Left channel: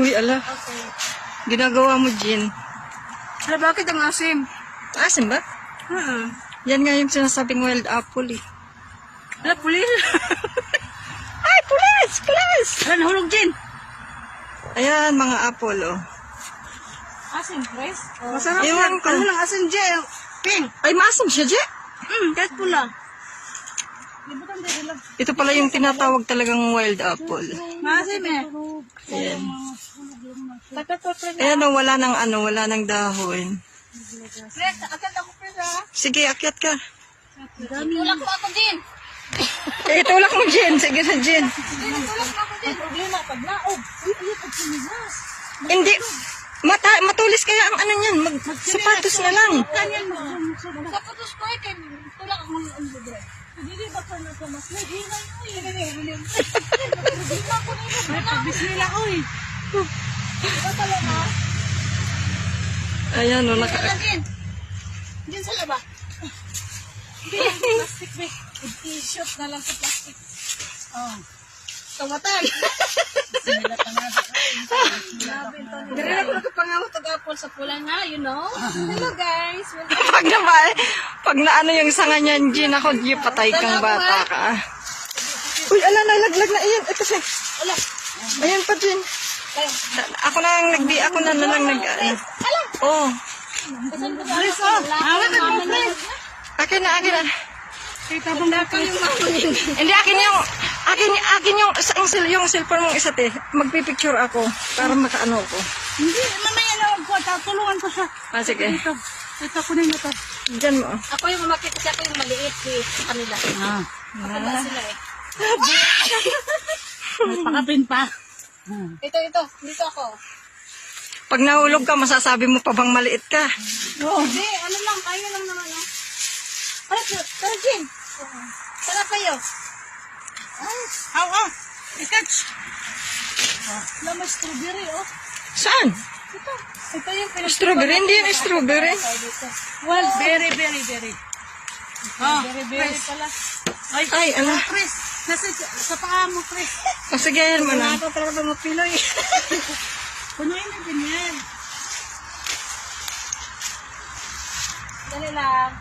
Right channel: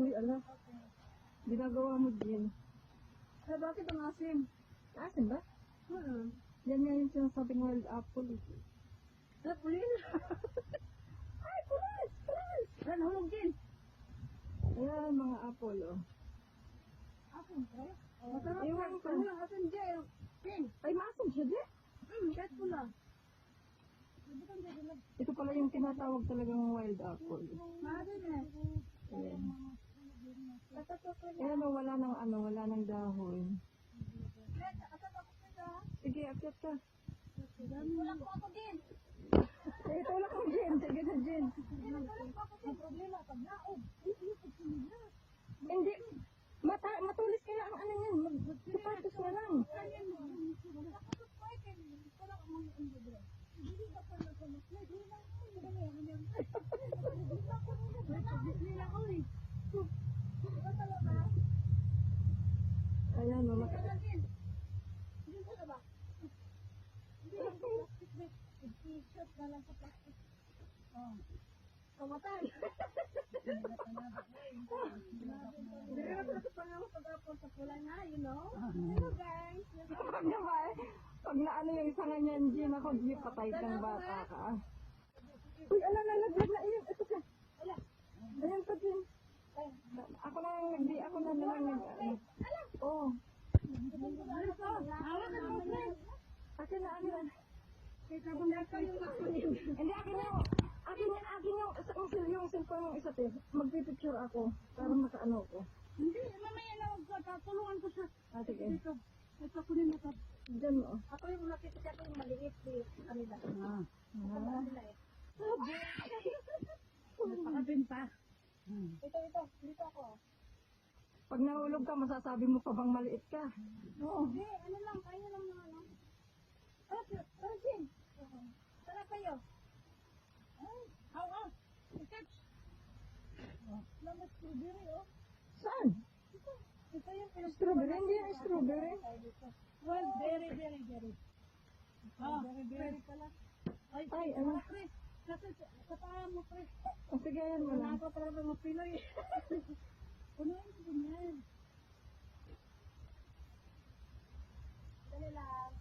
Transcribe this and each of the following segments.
Uy, ala. Okay. Ginagawa mo, Jin. Pero bakit ang asim? Asim ba? Yan nga yung sinasabing wild apple eh. Ala, pulis. Ay, pulis! Pulis! Ala, nahulog din. Ayan, mga apple, oh. Asim, Chris? Masarap Ewan yan. ko. Ano lang asim, Jay? Pink. Ay, maasim siya, Je. Kahit pula. Ito pala yung tinatawag talagang wild apple. Maasim eh. Ayan. Takat-takat. Ayan, oh, wala nang dahon. Chris, akit ako, Chris, ha? Sige, akyat ka. Tulak mo ako din. Itulak mo, Jin. Sige na, Jin. Tulak mo ako din. Problema, pag naog. Uy, pag sumigas. Hindi. Matulis kaya ang ano niyan. Sapatos na lang. Kanyan mo. Sapatos ko eh, kay tulak ako ng libre. Hindi ba ka na mas na? Hindi na yun. Hindi na ko na yun. May pagbismila ko eh. Ito talaga. Ayan, oh, Diyan sa laba. Plastic bag. I-shoot na lang sa plastic. Oh. Kamatan. Dari na ko nakapangamot og apple sa pula na, you know? Hello guys. pag na ano yung sanga niyan, Jin, ako, Jin, patay kang bata ka. Uy, ala, nalaglag na. Ayan, ito siya. Ala. Ayan pa, Jin. Ako na lang nag... Oh. Chris, oh. Awat mo, Chris. Akin na. Kita bang dapat yung Hindi, akin yung cellphone mong isa, te. Magpipicture ako para makaano ko. Hindi, mamaya na ako. Tulungan ko siya. Ah, sige. Ito ko na ito. Diyan mo. Ako yung umakit kasi ako yung maliit sa kanila. Matanda sila eh. May pakapin pa. Ito. Dito ako. Pag nahulog ka, masasabi mo pa bang maliit ka? Hindi, ano lang. Kaya lang naman. Tara, Jin. Tara kayo. Ikatch. Wala may strawberry, oh. Saan? Ito yung Strawberry? Hindi yung strawberry. well, very. Berry pala. Ay, ano? Chris, sa paa mo, Chris. O sige, yan mo na. Ako talaga ba mapiloy? Punuin na din yan. Dali lang.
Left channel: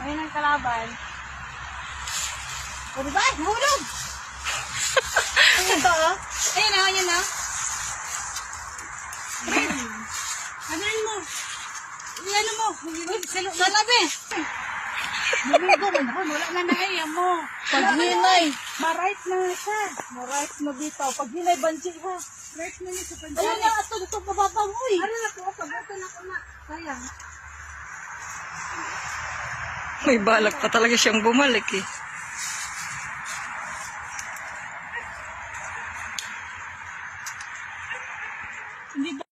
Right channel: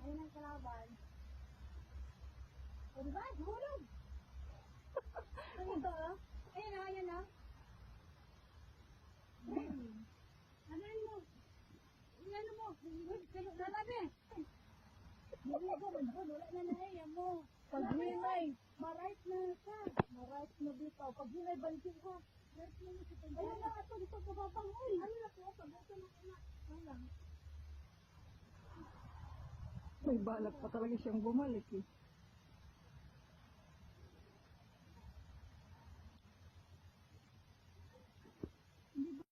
Ayun ang kalaban. O diba? Nahulog! Ito, oh. Ayun na. Anuin mo. Ano mo? Sa labi. Wala na naiya mo. Paghinay. Ma-right na siya. Ma-right na dito. Paghinay, banji ha. Right na niya sa banji. Ayun na, ito pababang. Uy. Ano na po? Pabuto na ko na. Sayang. May balak pa talaga siyang bumalik eh. Hindi ba?